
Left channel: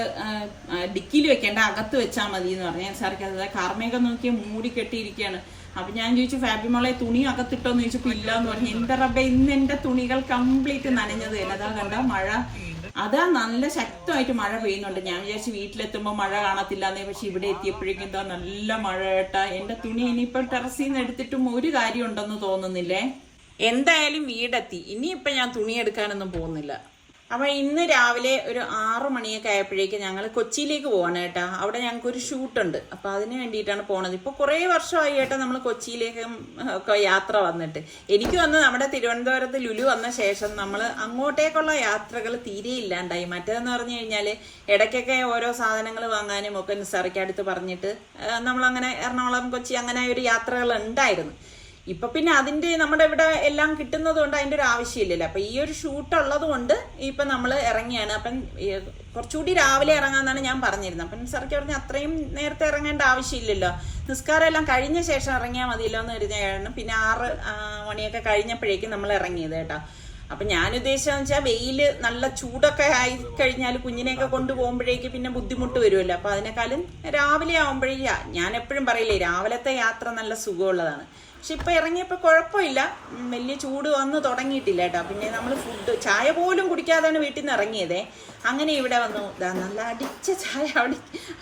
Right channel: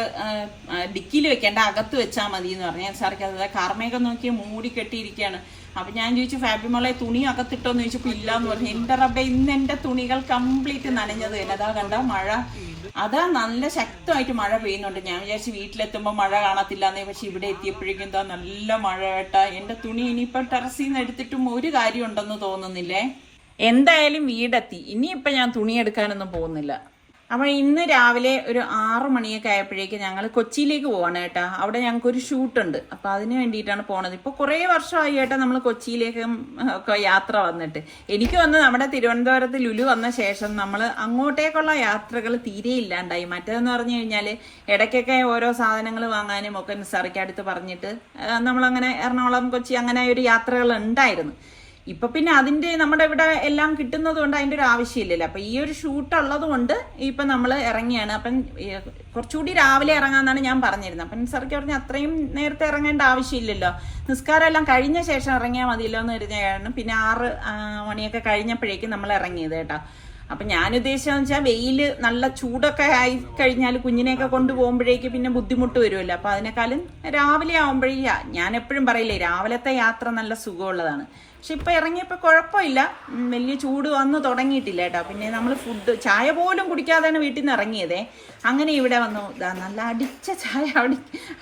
ഡിക്കിയിൽ വെക്കേണ്ട, അകത്ത് വെച്ചാൽ മതി എന്ന് പറഞ്ഞു. നിസാർക്ക അതാ കാർമേഘം നോക്കി മൂടി കെട്ടിയിരിക്കുകയാണ്. അപ്പൊ ഞാൻ ചോദിച്ചു ഫാബിമോളെ തുണി അകത്തിട്ടോന്ന് ചോദിച്ചപ്പോ ഇല്ലാന്ന് പറഞ്ഞു. എന്റെ റബ്ബെ, ഇന്ന് എന്റെ തുണികൾ കംപ്ലീറ്റ് നനഞ്ഞത് തന്നെ. അതാ കണ്ട മഴ, അതാ നല്ല ശക്തമായിട്ട് മഴ പെയ്യുന്നുണ്ട്. ഞാൻ വിചാരിച്ചു വീട്ടിലെത്തുമ്പോ മഴ കാണത്തില്ലാന്നേ, പക്ഷെ ഇവിടെ എത്തിയപ്പോഴേക്കും എന്താ നല്ല മഴ കേട്ടാ. എന്റെ തുണി ഇനിയിപ്പം ടെറസിൽ നിന്ന് എടുത്തിട്ടും ഒരു കാര്യം ഉണ്ടെന്ന് തോന്നുന്നില്ലേ. എന്തായാലും വീടെത്തി, ഇനിയിപ്പം ഞാൻ തുണി എടുക്കാനൊന്നും പോകുന്നില്ല. അപ്പൊ ഇന്ന് രാവിലെ ഒരു 6 മണിയൊക്കെ ആയപ്പോഴേക്ക് ഞങ്ങൾ കൊച്ചിയിലേക്ക് പോവാണ് കേട്ടാ. അവിടെ ഞങ്ങൾക്കൊരു ഷൂട്ടുണ്ട്. അപ്പൊ അതിന് വേണ്ടിയിട്ടാണ് പോണത്. ഇപ്പൊ കുറെ വർഷമായി കേട്ടാ നമ്മൾ കൊച്ചിയിലേക്ക് ഒക്കെ യാത്ര വന്നിട്ട്. എനിക്ക് വന്ന് നമ്മുടെ തിരുവനന്തപുരത്ത് ലുലു വന്ന ശേഷം നമ്മൾ അങ്ങോട്ടേക്കുള്ള യാത്രകൾ തീരെ ഇല്ലാണ്ടായി. മറ്റേതെന്ന് പറഞ്ഞു കഴിഞ്ഞാല് ഇടയ്ക്കൊക്കെ ഓരോ സാധനങ്ങൾ വാങ്ങാനും ഒക്കെ നിസാറിക്കടുത്ത് പറഞ്ഞിട്ട് നമ്മളങ്ങനെ എറണാകുളം, കൊച്ചി അങ്ങനെ ഒരു യാത്രകൾ ഉണ്ടായിരുന്നു. ഇപ്പൊ പിന്നെ അതിന്റെ നമ്മുടെ ഇവിടെ എല്ലാം കിട്ടുന്നത് കൊണ്ട് അതിന്റെ ഒരു ആവശ്യമില്ലല്ലോ. അപ്പൊ ഈ ഒരു ഷൂട്ട് ഉള്ളത് കൊണ്ട് ഇപ്പൊ നമ്മൾ ഇറങ്ങിയാണ്. അപ്പം കുറച്ചുകൂടി രാവിലെ ഇറങ്ങാന്നാണ് ഞാൻ പറഞ്ഞിരുന്നത്. അപ്പം സാർക്ക് പറഞ്ഞ അത്രയും നേരത്തെ ഇറങ്ങേണ്ട ആവശ്യമില്ലല്ലോ, നിസ്കാരം എല്ലാം കഴിഞ്ഞ ശേഷം ഇറങ്ങിയാൽ മതിയല്ലോ എന്ന് കരുതിയാണ് പിന്നെ 6 മണിയൊക്കെ കഴിഞ്ഞപ്പോഴേക്കും നമ്മൾ ഇറങ്ങിയത് കേട്ടോ. അപ്പൊ ഞാൻ ഉദ്ദേശിച്ചതെന്ന് വെച്ചാൽ വെയില് നല്ല ചൂടൊക്കെ ആയി കഴിഞ്ഞാൽ കുഞ്ഞിനെയൊക്കെ കൊണ്ടുപോകുമ്പോഴേക്ക് പിന്നെ ബുദ്ധിമുട്ട് വരുമല്ലോ. അപ്പൊ അതിനേക്കാളും രാവിലെ ആവുമ്പോഴേ, ഞാൻ എപ്പോഴും പറയില്ലേ രാവിലത്തെ യാത്ര നല്ല സുഖമുള്ളതാണ്. പക്ഷെ ഇപ്പൊ ഇറങ്ങിയപ്പോ കുഴപ്പമില്ല, വലിയ ചൂട് വന്ന് തുടങ്ങിയിട്ടില്ല കേട്ടോ. പിന്നെ നമ്മൾ ഫുഡ് ചായ പോലും കുടിക്കാതെയാണ് വീട്ടിൽ നിന്ന് ഇറങ്ങിയതേ. അങ്ങനെ ഇവിടെ വന്നു, നല്ല അടിച്ച ചായ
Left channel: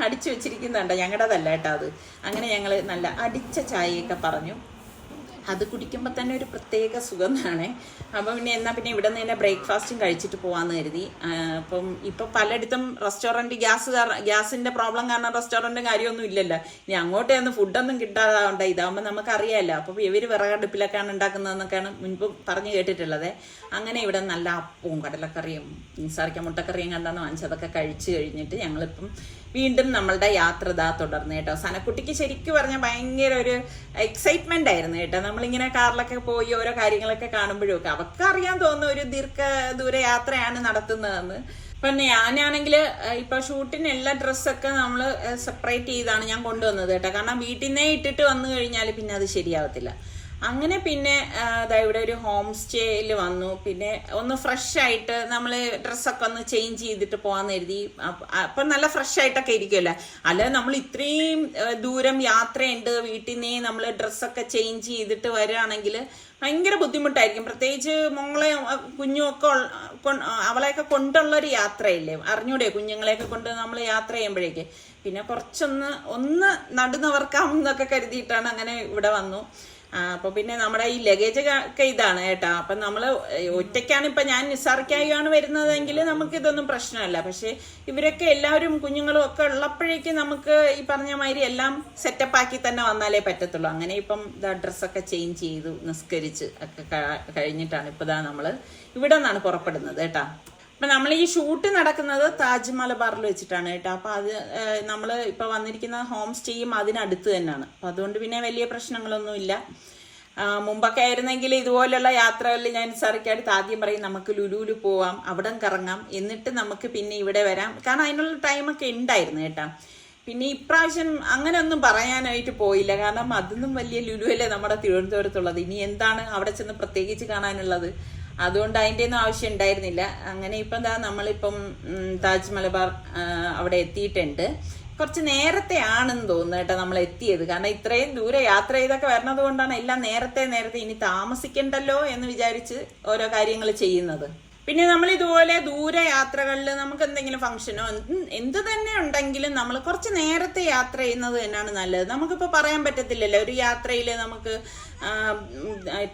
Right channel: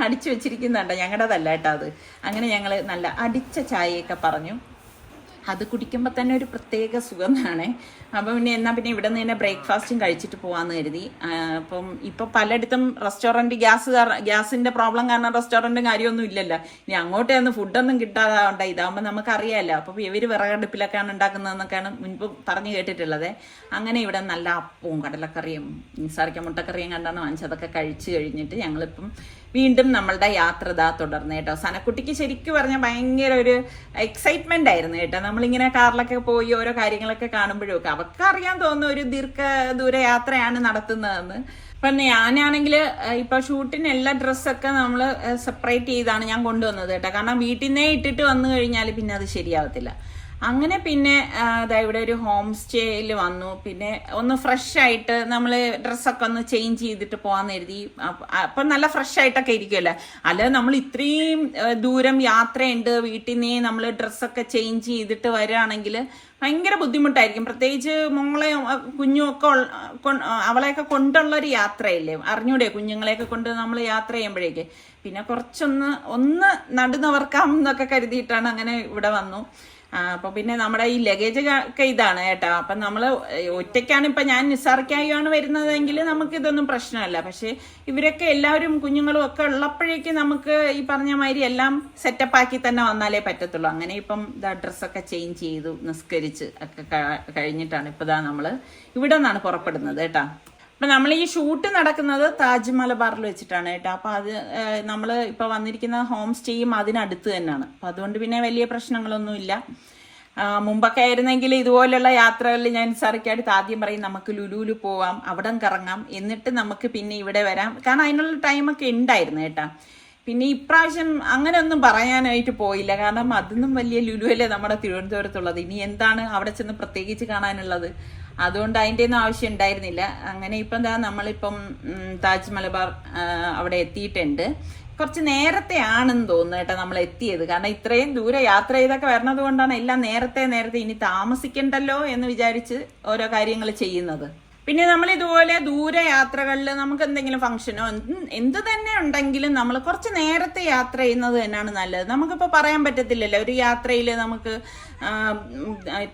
അടിച്ചു വെച്ചിരിക്കുന്നുണ്ടോ, ഞങ്ങളുടേതല്ല കേട്ടോ അത്. അങ്ങനെ ഞങ്ങള് നല്ല അടിച്ച ചായയൊക്കെ പറഞ്ഞു. അത് കുടിക്കുമ്പോൾ തന്നെ ഒരു പ്രത്യേക സുഖമാണ്. അപ്പം പിന്നെ എന്നാൽ പിന്നെ ഇവിടെ നിന്ന് തന്നെ ബ്രേക്ക്ഫാസ്റ്റും കഴിച്ചിട്ട് പോകാമെന്ന് കരുതി. അപ്പം ഇപ്പം പലയിടത്തും റെസ്റ്റോറൻറ്റ് ഗ്യാസിൻ്റെ പ്രോബ്ലം കാരണം റെസ്റ്റോറൻറ്റും കാര്യമൊന്നും ഇല്ലല്ലോ. ഇനി അങ്ങോട്ടൊന്നും ഫുഡൊന്നും കിട്ടാതെ ഇതാകുമ്പോൾ നമുക്കറിയാമല്ലോ. അപ്പം ഇവർ വിറകടുപ്പിലൊക്കെയാണ് ഉണ്ടാക്കുന്നതെന്നൊക്കെയാണ് മുൻപ് പറഞ്ഞു കേട്ടിട്ടുള്ളത്. അങ്ങനെ ഇവിടെ നല്ല അപ്പവും കടലക്കറിയും നിസാറിക്ക മുട്ടക്കറിയും കണ്ടാണ് വാങ്ങിച്ചതൊക്കെ കഴിച്ചു കഴിഞ്ഞിട്ട് ഞങ്ങളിപ്പം വീണ്ടും നമ്മളുടെ യാത്ര തുടർന്നു കേട്ടോ. സനക്കുട്ടിക്ക് ശരിക്കും പറഞ്ഞാൽ ഭയങ്കര ഒരു എക്സൈറ്റ്മെന്റ് ആയിരുന്നു കേട്ടോ. നമ്മളിങ്ങനെ കാറിലൊക്കെ പോയി ഓരോ കാര്യങ്ങളൊക്കെ കാണുമ്പോഴും ഒക്കെ അവർക്ക് അറിയാൻ തോന്നുന്ന ഒരു ദീർഘദൂര യാത്രയാണ് നടത്തുന്നതെന്ന്. അപ്പം ഞാനാണെങ്കിൽ ഇപ്പൊ ഷൂട്ടിന് എല്ലാ ഡ്രസ്സൊക്കെ നമ്മൾ സെപ്പറേറ്റ് ചെയ്താണ് ഞാൻ കൊണ്ടുവന്നത് കേട്ടോ. കാരണം വീട്ടിൽ നിന്നേ ഇട്ടിട്ട് വന്നു കഴിഞ്ഞാൽ പിന്നെ അത് ശരിയാവത്തില്ല. അങ്ങനെ പിന്നെ ഇവിടെ ഒരു ഹോം സ്റ്റേയിൽ വന്നു. പിന്നെ ഒന്ന് ഫ്രഷ് ആയിട്ട് നമ്മൾ ഡ്രസ്സൊക്കെ ഒന്ന് ചേഞ്ച് ചെയ്തിട്ട് പോകാൻ കരുതി. അപ്പൊ നല്ല ഫ്രഷ് ആയിട്ടൊക്കെ ഇരിക്കുമല്ലോ. അല്ലാതെ നമ്മൾ ഇത്രയും ദൂരം യാത്രയുണ്ട്, വീട്ടിൽ നിന്നേ നമ്മൾ ഡ്രസ്സൊക്കെ ചേഞ്ച് ചെയ്തിട്ട് വരികയാണെങ്കിൽ ഭയങ്കര ബുദ്ധിമുട്ടായിരിക്കും. പ്രത്യേകിച്ച് മോളെ കുഞ്ഞുമൊക്കെ അവളെയൊക്കെ കൊണ്ടുള്ളൊരു യാത്രയല്ലേ, അറിഞ്ഞൂടെ കുഞ്ഞുങ്ങളെയൊക്കെ കൊണ്ട് നമ്മൾ യാത്ര ചെയ്യുമ്പോഴേക്ക്. പിന്നെ കുറച്ചൊന്ന് നടുന്നവർക്കാം എന്നൊക്കെ കരുതിയിട്ടാണ് അങ്ങനെ ഇവിടെ വന്നു. അപ്പൊ പിന്നെ നമ്മുടെ ഈ ലഗേജ് ഒക്കെ ഇതാണ് കേട്ടോ. അപ്പൊ നമ്മള് ഒറ്റയ്ക്കാണ് ഇപ്പൊ ഞാൻ നിസാർക്കായാണ് വരുന്നതെങ്കിൽ നമുക്ക് ഇതൊന്നും പ്രശ്നമല്ല. പക്ഷെ ഇവരൊക്കെ എല്ലാവരും കുഞ്ഞുങ്ങളും ഒക്കെ ഉള്ളപ്പോഴേക്ക് നമുക്ക് ഈ പറഞ്ഞ മാതിരി എല്ലാം സെറ്റപ്പ് ആക്കി തന്നെ വന്നാലേ പറ്റത്തുള്ളൂ. അങ്ങനെ ഇപ്പം ഡ്രസ്സൊക്കെ ചേഞ്ച് ചെയ്തു നിസ്കരിച്ച് ഒക്കെ കഴിഞ്ഞിട്ടാണ് ഇപ്പൊ നമ്മള് ഇവിടെ നിന്നാണ് പുറപ്പെടുന്നത് കേട്ടോ. അപ്പൊ നമ്മൾ ഈ ഷൂട്ട് നടക്കുന്നത് താജ് മലബാറിൽ വെച്ചിട്ടാണ് കേട്ടോ. അപ്പൊ അത് നമ്മൾ ഇപ്പൊ വന്നിരിക്കുന്ന ഹോം സ്റ്റേയും അതിനടുത്ത് തന്നെയാണ്. അപ്പൊ അതുകൊണ്ട് പിന്നെ വലിയ പ്രശ്നങ്ങളൊന്നുമില്ല. മുമ്പൊക്കെ ആയിരുന്നെങ്കിൽ ഇതുപോലുള്ള യാത്രകളിൽ ഞാൻ സാറിക്കടുത്ത് ആദ്യം പറയും നമുക്ക് ലുലുവിൽ പോവാം, അവിടെ കറങ്ങാം, എന്നിട്ട് നമുക്ക് പിന്നെ ഇവിടെ വരാം. കാരണം അതിനുള്ള ടൈമൊക്കെ ഉണ്ടായിരുന്നു കേട്ടോ. പിന്നെ ഇപ്രാവശ്യം അങ്ങനെ ഒന്നും പറയാനായിട്ട് പോയില്ല. കാരണം അതൊന്നും വലിയ ലുലുവല്ലേ നമ്മുടെ തിരുവനന്തപുരത്തുള്ളത്. ഇനി എന്താണ് അവിടെ ചെന്ന് പ്രത്യേകിച്ച് കാണാനുള്ളത്? അതുകൊണ്ട് അതിൻ്റെ ഒന്നും ആവശ്യം ഉണ്ടായിരുന്നില്ല. അങ്ങനെ ഇപ്പം നമ്മളിപ്പം താജ് മലബാർ അവിടെ എത്തിയിട്ടുണ്ട്. കുറച്ച് നേരത്തെ ആണെന്ന് തോന്നുന്നു കേട്ടോ നമ്മൾ എത്തിയത്. കാരണം ഇത്രയും ദൂരെ യാത്ര ചെയ്തൊക്കെ വരണത് കൊണ്ടാണ് എല്ലാം നേരത്തെ ഇനി താമസിക്കണ്ടല്ലോ എന്ന് വിചാരിച്ച് ഓരോ കാര്യങ്ങൾ ചെയ്യുന്നത്. പിന്നെ നമ്മൾ ഇതുപോലെ ദൂരെ യാത്രകളിൽ നമുക്ക് എന്തെങ്കിലും ഫംഗ്ഷനോ എന്ത് തന്നെ ഉണ്ടെങ്കിലും നമ്മൾ കുറച്ച് നേരത്തെ യാത്ര ചെയ്യുന്നത് തന്നെയാണ് നല്ലത്. നമുക്കിപ്പോൾ പറയാൻ പറ്റത്തില്ലല്ലോ, ഒരു യാത്രയിൽ നമുക്ക്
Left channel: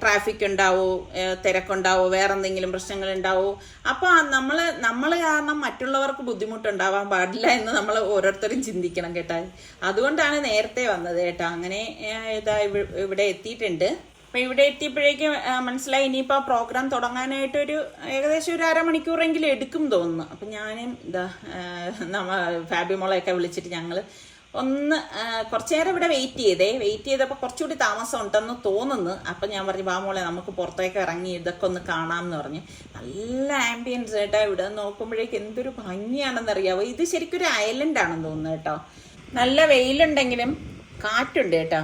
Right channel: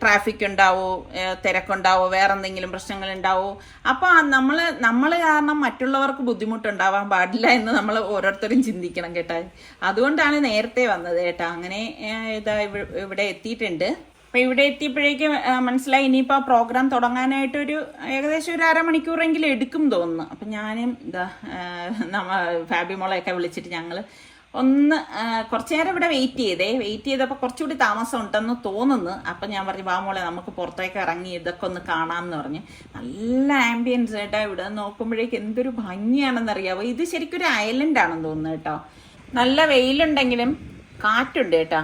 ട്രാഫിക് ഉണ്ടാവോ, തിരക്കുണ്ടാവോ, വേറെ എന്തെങ്കിലും പ്രശ്നങ്ങൾ ഉണ്ടാവോ. അപ്പൊ നമ്മൾ കാരണം മറ്റുള്ളവർക്ക് ബുദ്ധിമുട്ടുണ്ടാവാൻ പാടില്ല എന്ന് നമ്മൾ ഓരോരുത്തരും ചിന്തിക്കണം കേട്ടോ. അതുകൊണ്ടാണ് നേരത്തെ വന്നത് കേട്ടോ. അങ്ങനെ ഇവിടെ എത്തിയിട്ടുണ്ട്. അപ്പൊ ഇവിടെ എത്തിയപ്പോഴേക്കും മനസ്സിലായി ഇനിയിപ്പോ പ്രോഗ്രാം തുടങ്ങാനായിട്ടൊരു ഏകദേശം ഒരു അരമണിക്കൂറെങ്കിലും എടുക്കും തോന്നുന്നു. അപ്പൊ ഞാനും ഫാബി മോളെയൊക്കെ വിളിച്ചിട്ട് ഞങ്ങള് കുറച്ചു നേരം ഇവിടെ വെയിറ്റ് ചെയ്തപ്പോൾ കുറച്ചുകൂടി താമസം ഉണ്ടെന്ന് തോന്നുന്നു. അപ്പൊ ഞാൻ പറഞ്ഞു മോളെ നമുക്ക് പുറത്തേക്ക് ഇറങ്ങി ഇതൊക്കെ ഒന്ന് കാണാമെന്ന് പറഞ്ഞു. നല്ല ആംബിയൻസ് കേട്ടോ. ഇവിടെ നോക്കുമ്പോഴേക്ക് എന്തൊരു ഭംഗിയാണെന്നറിയാവോ. ഇത് ശരിക്കും ഒരു ഐലൻഡ് ആണെന്ന് തോന്നുന്നു കേട്ടോ. നല്ല വെയിലുണ്ടെങ്കിലും കാറ്റുണ്ട് കേട്ടോ.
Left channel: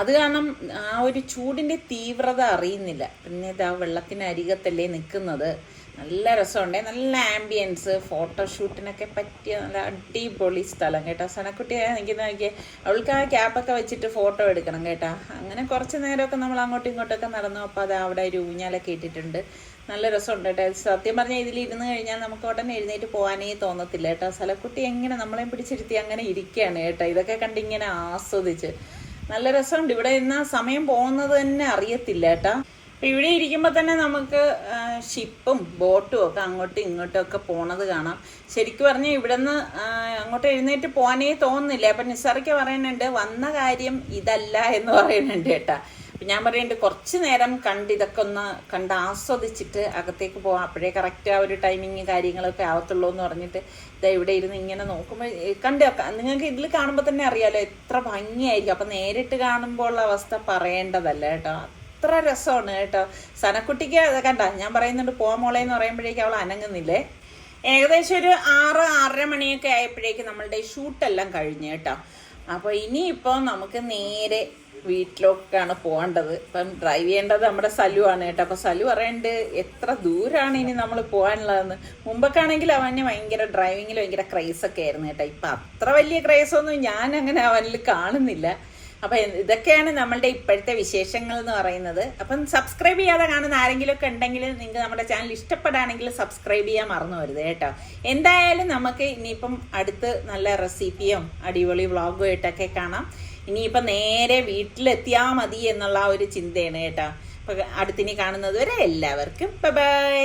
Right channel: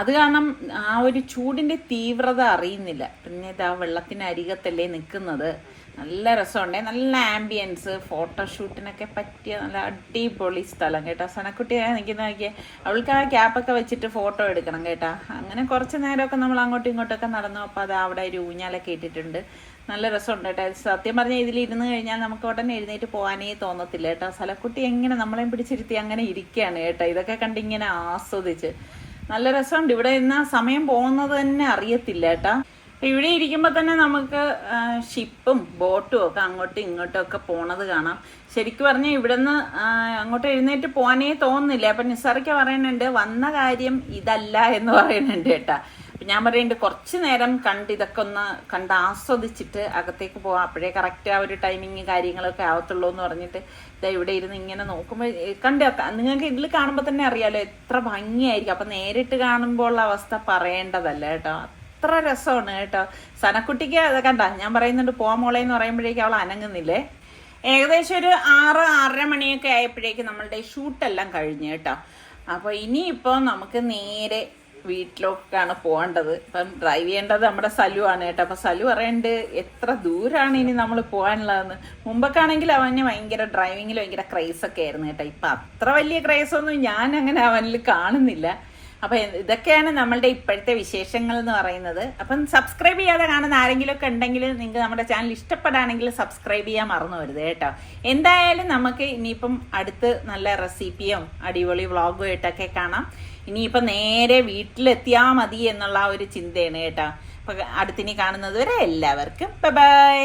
അത് കാരണം ആ ഒരു ചൂടിന്റെ തീവ്രത അറിയുന്നില്ല. പിന്നെ ഇതാ വെള്ളത്തിനരികത്തല്ലേ നിൽക്കുന്നത്. നല്ല രസമുണ്ട്, നല്ല ആംബിയൻസ്, ഫോട്ടോഷൂട്ടിനൊക്കെ പറ്റിയ നല്ല അടിപൊളി സ്ഥലം കേട്ടോ. സനക്കുട്ടിയാണ് നിൽക്കുന്ന നോക്കിയേ, അവൾക്ക് ആ ക്യാപ്പൊക്കെ വെച്ചിട്ട് ഫോട്ടോ എടുക്കണം കേട്ടോ. അങ്ങനെ കുറച്ച് നേരമൊക്കെ നമ്മൾ അങ്ങോട്ടും ഇങ്ങോട്ടൊക്കെ നടന്നു. അപ്പോൾ അത് അവിടെ ഒരു ഊഞ്ഞാലൊക്കെ ഇട്ടിട്ടുണ്ട്. നല്ല രസമുണ്ട് കേട്ടോ. സത്യം പറഞ്ഞാൽ ഇതിൽ ഇരുന്ന് കഴിഞ്ഞാൽ നമുക്ക് ഉടനെ എഴുന്നേറ്റ് പോകാനേ തോന്നത്തില്ല കേട്ടോ. സലക്കുട്ടി എങ്ങനെ നമ്മളെയും പിടിച്ചിരുത്തി അങ്ങനെ ഇരിക്കുകയാണ് കേട്ടോ. ഇതൊക്കെ കണ്ടിങ്ങനെ ആസ്വദിച്ച് നല്ല രസമുണ്ട്. ഇവിടെ ഇന്ന് സമയം പോകുന്നത് തന്നെ അറിയത്തില്ല കേട്ടാ. ഇവിടെ ഇരിക്കുമ്പോൾ തന്നെ നമുക്ക് ഷിപ്പും ബോട്ടും ഒക്കെ അങ്ങോട്ടും ഇങ്ങോട്ടും ഒക്കെ പോണത് കാണാം. ശരിക്കും പറഞ്ഞാൽ ഇവിടെ നിന്ന് അങ്ങോട്ട് എഴുന്നേറ്റ് പോകാനേ തോന്നുന്നില്ല. അപ്പൊ നിസാറിക്ക പറയുന്നുണ്ട് വന്ന കാര്യം ഇതല്ല എന്ന് പറയുന്നുണ്ട് കേട്ടാ. അപ്പൊ ഞാൻ പറയുന്നുണ്ട് കുറച്ചു നേരം ഇതൊക്കെ ഒന്ന് കണ്ട് ആസ്വദിച്ചിട്ട് അകത്തേക്ക് പോവാം, അപ്പോഴേ കറക്റ്റ് ആ ഒരു ടൈമിങ് കാര്യങ്ങളൊക്കെ ആവത്തുള്ളൂ എന്ന് പറഞ്ഞിട്ട് ഇവിടെ ഇരുന്ന് ഇങ്ങനെ നോക്കുമ്പോൾ നിങ്ങൾക്ക് ഇതിൽ കാണുമ്പോൾ തന്നെ അറിയാലോ എത്ര ഭംഗിയായിരിക്കും. അപ്പൊ നേരിട്ട് കാണുമ്പോൾ ഉള്ള അവസ്ഥ പറയേണ്ടതല്ല കേട്ടോ. അത്ര രസമാണ് കേട്ടോ. സനക്കുട്ടിക്ക് അത് കണ്ട ഞാൻ പറയുന്നുണ്ട് പോവാൻ മോളെ എന്ന് പറയുമ്പോഴേക്കും അവൾ അനങ്ങുന്നില്ലേ. ഏകദേശം ഒരു 6-6:30 മണിയൊക്കെ ആയപ്പോഴേക്കും നമ്മളുടെ ഷൂട്ടെല്ലാം കഴിഞ്ഞു കേട്ടോ. അപ്പൊ ഇനിയിപ്പോ നമുക്ക് നേരെ വീട്ടിലേക്കാണ് പോകേണ്ടത്. ഇപ്പം ഡ്രൈവ് ചെയ്യേണ്ടത് നമ്മുടെ സലു ആണ് കേട്ടോ. അപ്പൊ സലു പറയണ്ട് എത്ര ദൂരാണ് ഇനി നമ്മൾ പോകാനുള്ളതെന്ന്. മുമ്പൊക്കെ ആണെങ്കിൽ അവന് ഭയങ്കര ഡ്രൈവിങ്ങിൽ ഭയങ്കര ക്രൈസ് ഒക്കെ ആയിരുന്നു കേട്ടോ. ഇപ്പൊ അത്ര വലിയ ക്രൈസ് ഒന്നും ഞാൻ അങ്ങനെ അവനിൽ കാണുന്നില്ല. അപ്പൊ ഇതൊക്കെയാണ് നമ്മളുടെ ഇപ്പോഴത്തെ വിശേഷങ്ങൾ എന്ന് പറയുന്നത്. അപ്പം സബ്സ്ക്രൈബ് ചെയ്യാതെ കാണുന്ന ആരെങ്കിലും ഒക്കെ ഉണ്ടെങ്കിൽ നിങ്ങൾക്ക് നമ്മുടെ ചാനൽ ഇഷ്ടപ്പെടാണെങ്കിൽ സബ്സ്ക്രൈബ് ചെയ്യാൻ മറന്നു വരുത് കേട്ടോ. എന്തായാലും നമുക്ക് ഇനിയിപ്പം അടുത്ത് നല്ല റെസിപ്പിയും അടിപൊളി വ്ളോഗും ആയിട്ടൊക്കെ കാണാം. ഇനിയിപ്പം നേരെ വീട്ടിലെത്തിയാൽ മതി എന്നുള്ള ഒരു ചിന്തയാണ് കേട്ടോ. അപ്പൊ അടുത്തിനി കാണുന്നത് വരെ എല്ലാവർക്കും ബൈ ബൈ.